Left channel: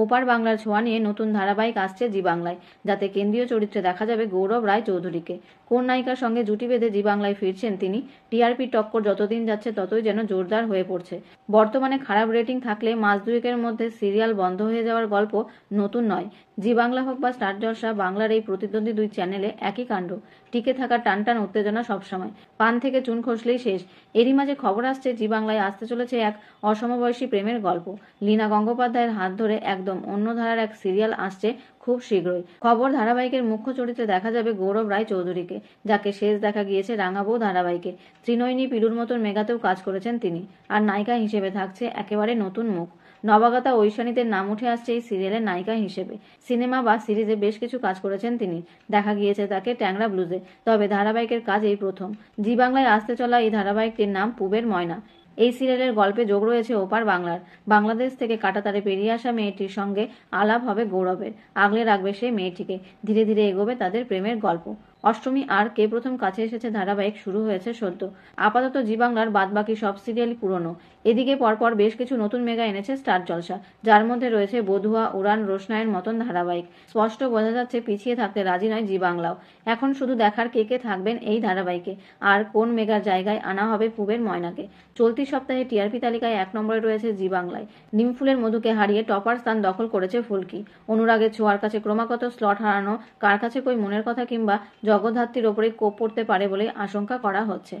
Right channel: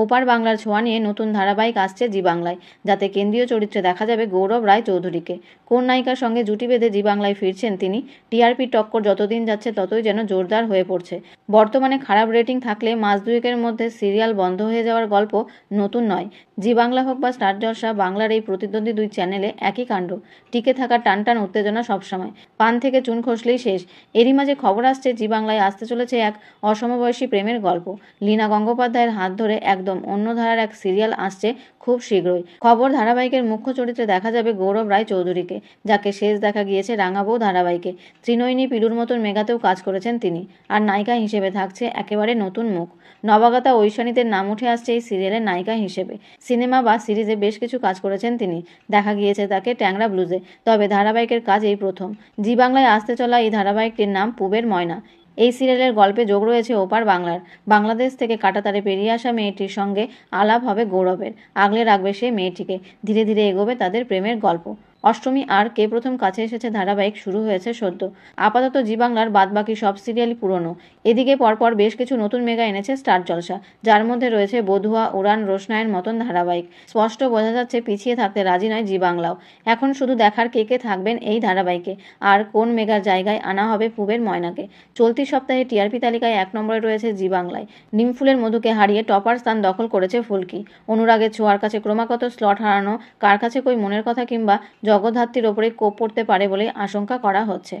ওপার বাংলার ছোঁয়া নিয়ে নতুন ধারাবাহিক আসছে জি বাংলায়, যাতে কেন্দ্রীয় চরিত্রে দেখা যাবে গৌরব রায় চৌধুরীকে। কোন নায়িকার সঙ্গে জুটি বেঁধে জি বাংলায় ফিরছেন তিনি? টিআরপি টক্কর যতদিন যাচ্ছে ততই যেন জোরদার হয়ে পড়ছে। বর্তমানে খারাপ রেটিং থাকলে মাস দুয়েকের মধ্যে সিরিয়াল বন্ধ হয়ে যাওয়ার গল্প নতুন নয়। জি বাংলা হোক বা স্টার জলসা, বাংলার এই প্রতিদ্বন্দ্বী দুই চ্যানেলে একই কাণ্ড। টিকে থাকার টানটান উত্তেজনা সবসময়, পান থেকে চুন খসলেই শেষ। এরই মাঝে খবর আসছে জি বাংলায় আসতে চলেছে এক অসমবয়সী প্রেমের গল্প। লীনা গঙ্গোপাধ্যায়ের হাত ধরে একদম অন্য ধারার এক সিরিয়াল আসছে খুব শীঘ্রই। খবর ধারাবাহিকের মুখ্য চরিত্রে দেখা যাবে গৌরব রায় চৌধুরীকে, যাকে শেষ দেখা গিয়েছে রাঙাবৌ ধারাবাহিকে। ত্রিনয়নী পিলুর মতন মেগাতেও কাজ করেছেন তিনি। আর নায়িকা হিসেবে থাকছে একেবারে নতুন মুখ। নবাগতা ঐশানীদের নাম উঠে আসছে এই সিরিয়ালের নায়িকা হিসেবে। সিনেমা বা সিরিজে বেশ কিছু কাজ করেছেন তিনি। দেখা গিয়েছে তাকে ট্যাংরা ব্লুজে, তবে ধারাবাহিকের কাজ এই প্রথম। জি বাংলায় আসতে চলা এই ধারাবাহিকটির নাম পুবের ময়না। এই সিরিয়ালের গল্পে যোগ রয়েছে ওপার বাংলার। বাংলাদেশ থেকে কাঁটাতারে পেরিয়ে আসা মেয়েটির সঙ্গে আলাপ হবে গৌরবের। আগলে রাখবে সেই মেয়েটিকে। ধীরে ধীরে এগোবে তাদের প্রেমের গল্প। অষ্টমী আর কে প্রথম কাছে এসেছে ধারাবাহিক শুরু হয়েছে সদ্য। আপাতত জি বাংলার বাদবাকি সব সিরিয়ালই পুরনো। এদিকে পরপর বেশ কিছু নতুন মেগা এনেছে স্টার জলসা, যার মধ্যে রয়েছে বধুয়া, উড়ান, রোশনায়ের মতন ধারাবাহিক। স্পষ্ট বোঝা যাচ্ছে পিছিয়ে থাকতে রাজি নয় জি বাংলাও। এখন শুধু দেখার কে কে থাকবেন এই ধারাবাহিকে, আর কোন মেগার জায়গায় আনা হবে পুবের ময়নাকে। চলতি সপ্তাহে টিআরপি তালিকায় 1 নম্বরে রয়েছে জি বাংলায়। নিমফুলের মধুকে হারিয়ে টপার স্থান দখল করেছে ফুলকি। অনুরাগের ছোঁয়ার কাছে ক্রমাগত স্লট হারানো কার কাছে কই মনের কথা কিংবা জগদ্ধাত্রীর ওপরে কোপ পড়তে পারে বলে আশঙ্কা করা হচ্ছে।